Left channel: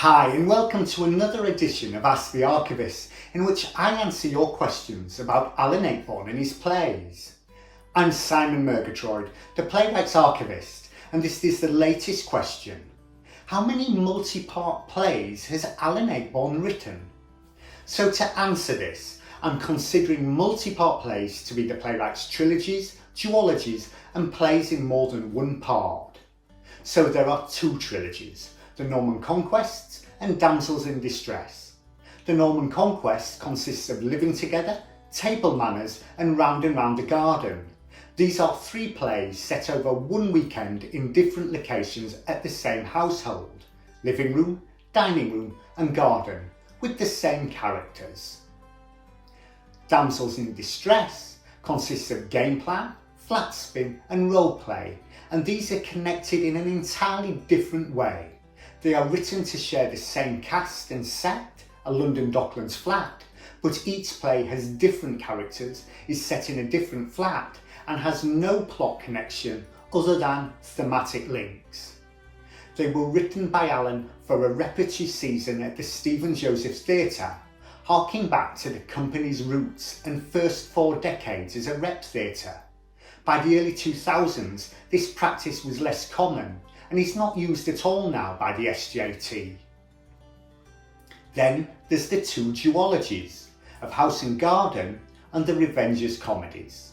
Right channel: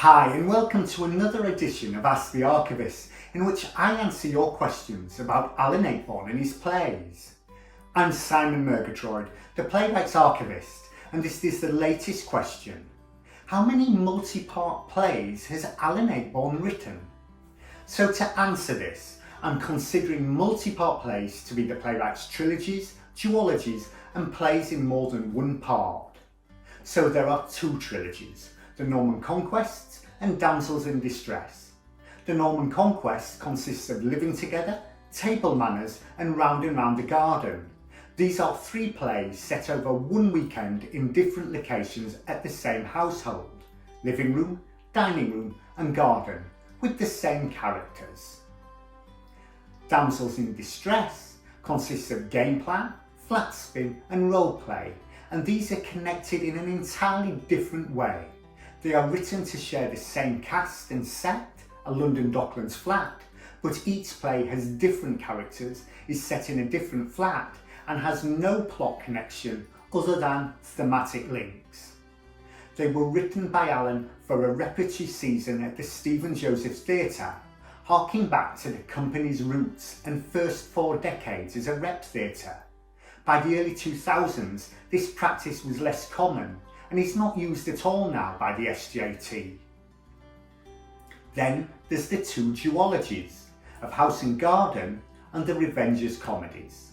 Hi and welcome to another edition of Ask the Archivist, in which I answer your questions about Alan Ayckbourn and his plays. I'm Simon Murgatroyd, the playwright's archivist, and this is the latest question. How many multi-part plays has Alan Ayckbourn written? So to answer this, I'm considering multi-part plays to be the playwright's trilogies, duologies and plays in more than one part. So there are two trilogies, the Norman Conquests and Damsels in Distress. The Norman Conquest consists of Living Together, Table Manners and Round and Round the Garden. These are three plays set over one weekend in different locations at the same household, living room, dining room and garden, with the same characters. Damsels in Distress consists of game plan, flat spin and role play, and these are connected in an entirely different way. They are written to share the same cast and set, a London Docklands flat, but each play has different characters, is set in a different flat, and has no plot connection other than thematic links. They were written by Alan for a repertory season at the Stephen Joseph Theatre, harking back to the company's roots and first 4 decades as a rep theatre. By the early 2000s, this practice was less common, and is not used at all now by the SJT. Then there's the two duologies of House and Garden and the Revengers comedies.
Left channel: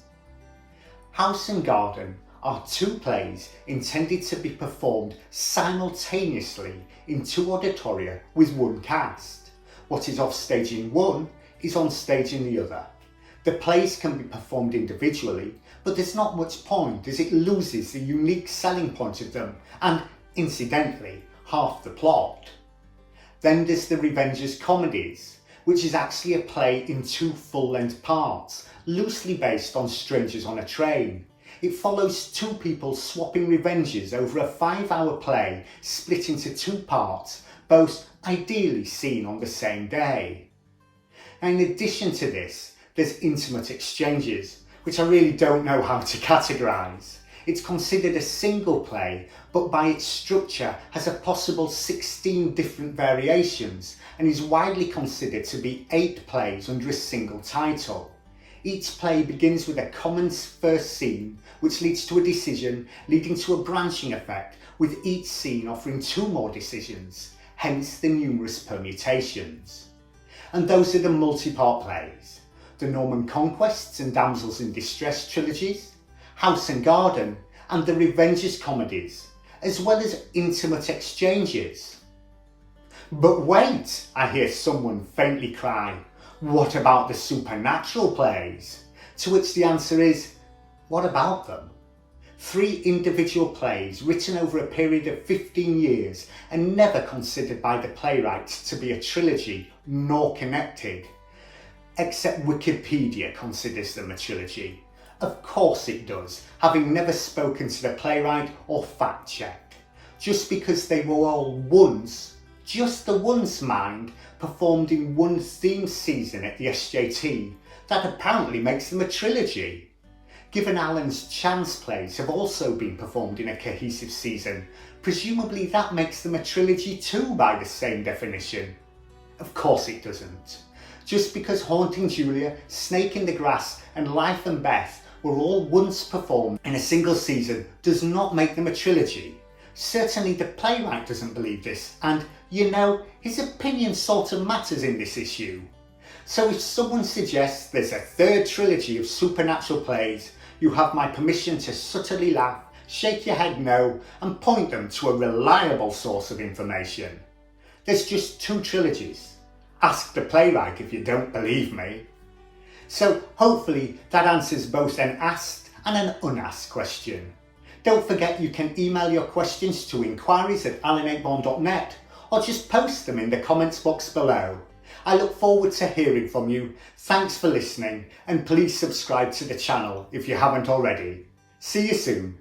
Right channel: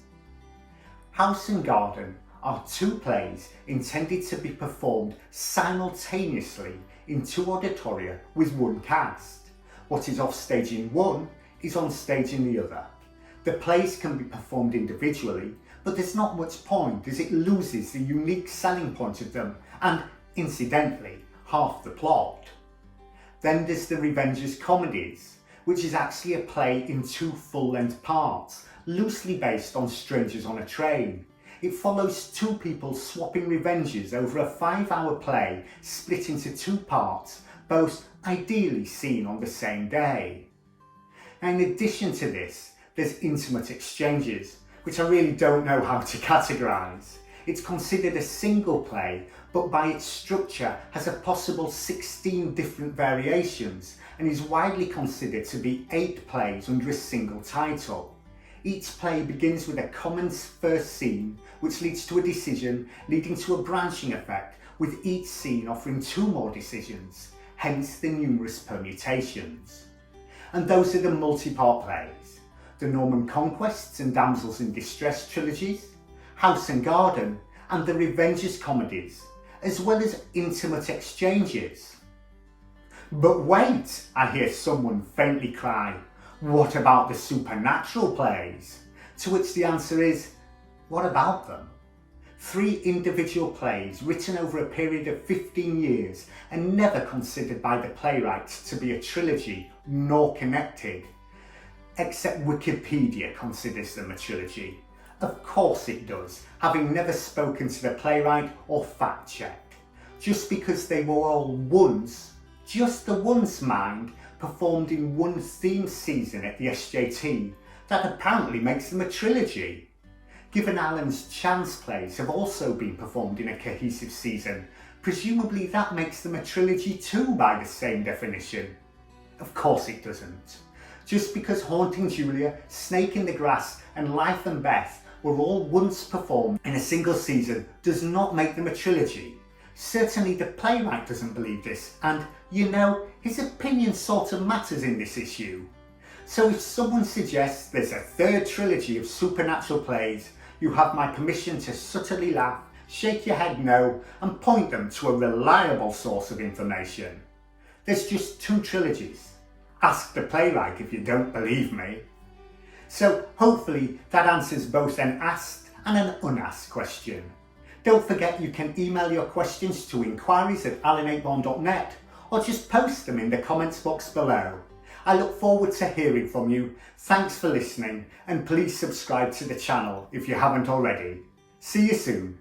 House and Garden are two plays intended to be performed simultaneously in two auditoria with one cast. What is off stage in one is on stage in the other. The plays can be performed individually, but there's not much point as it loses the unique selling point of them and, incidentally, half the plot. Then there's the Revengers comedies, which is actually a play in 2 full-length parts, loosely based on Strangers on a Train. It follows 2 people swapping revenges over a 5-hour play split into 2 parts, both ideally seen on the same day. Now, in addition to this, there's Intimate Exchanges, which I really don't know how to categorise. It's considered a single play, but by its structure has a possible 16 different variations and is widely considered to be 8 plays under a single title. Each play begins with a common first scene, which leads to a decision, leading to a branching effect, with each scene offering 2 more decisions, hence the numerous permutations. And those are the multi-part plays. The Norman Conquests and Damsels in Distress trilogies, House and Garden and the Revengers comedies, as well as Intimate Exchanges. But wait, I hear someone faintly cry, what about the supernatural plays? To which the answer is, what about them? 3 individual plays written over a period of 15 years and never considered by the playwright to be a trilogy nor connected. Except Wikipedia considers them a trilogy. Of course it does, having never spoken to the playwright or fact-checked. Just because they were all once, just the once mind, performed in one theme season at the SJT, that apparently makes them a trilogy. Given Alan's chance plays have also been performed in a cohesive season, presumably that makes them a trilogy too by the same definition. Of course it doesn't. Just because Haunting Julia, Snake in the Grass and Life and Beth were all once performed in a single season does not make them a trilogy. Certainly the playwright doesn't believe this, and, you know, his opinion sort of matters in this issue. So if someone suggests there's a 3rd trilogy of supernatural plays, you have my permission to subtly laugh, shake your head no, and point them to a reliable source of information. There's just 2 trilogies. Ask the playwright if you don't believe me. So hopefully that answers both an asked and an unasked question. Don't forget you can email your questions to inquiries@alanayckbourn.net or just post them in the comments box below. I look forward to hearing from you. Thanks for listening and please subscribe to the channel if you haven't already. See you soon.